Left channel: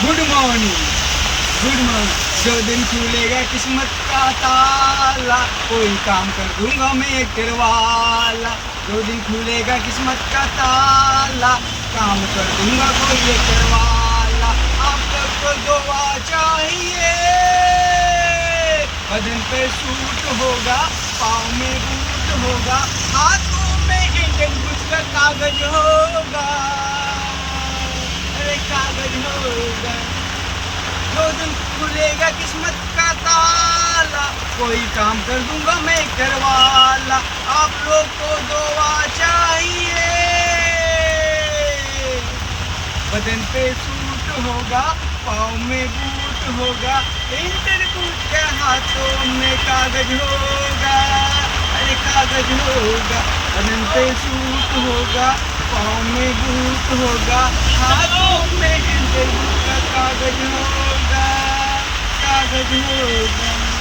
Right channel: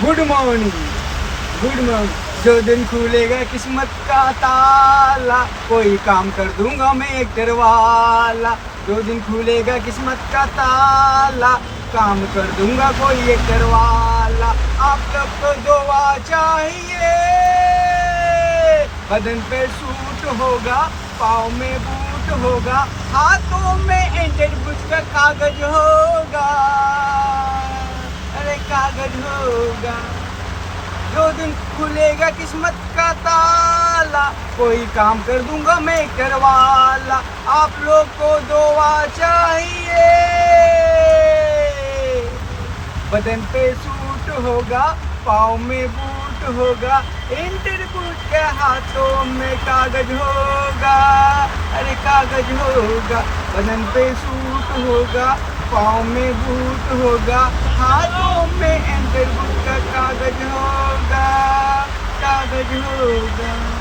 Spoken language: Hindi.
Good morning, good morning. जो दिन खुलेगा किस्मत का ताला, कोई काम कर दूंगा मैं एक्टर वाला। जो दिन खुलेगा किस्मत का ताला, काम कर दूंगा कोई एक्टर वाला। आप लोग को दुआ चाहिए, बदन पे सूट होगा, पाँव में बूट होगा, हाथों में एंडेड बुक का कागज होगा। अरे कागज होगा। जो दिन खुलेगा किस्मत का ताला, कोई काम कर दूंगा मैं करवाला। आप लोग को दुआ चाहिए, बदन पे सूट होगा, पाँव में बूट होगा, इंटरव्यू के हाथों में कागज होगा। अरे कागज होगा। बदन पे सूट होगा, पाँव में बूट होगा, हाथों में इंटरव्यू का कागज होगा, कागज होगा।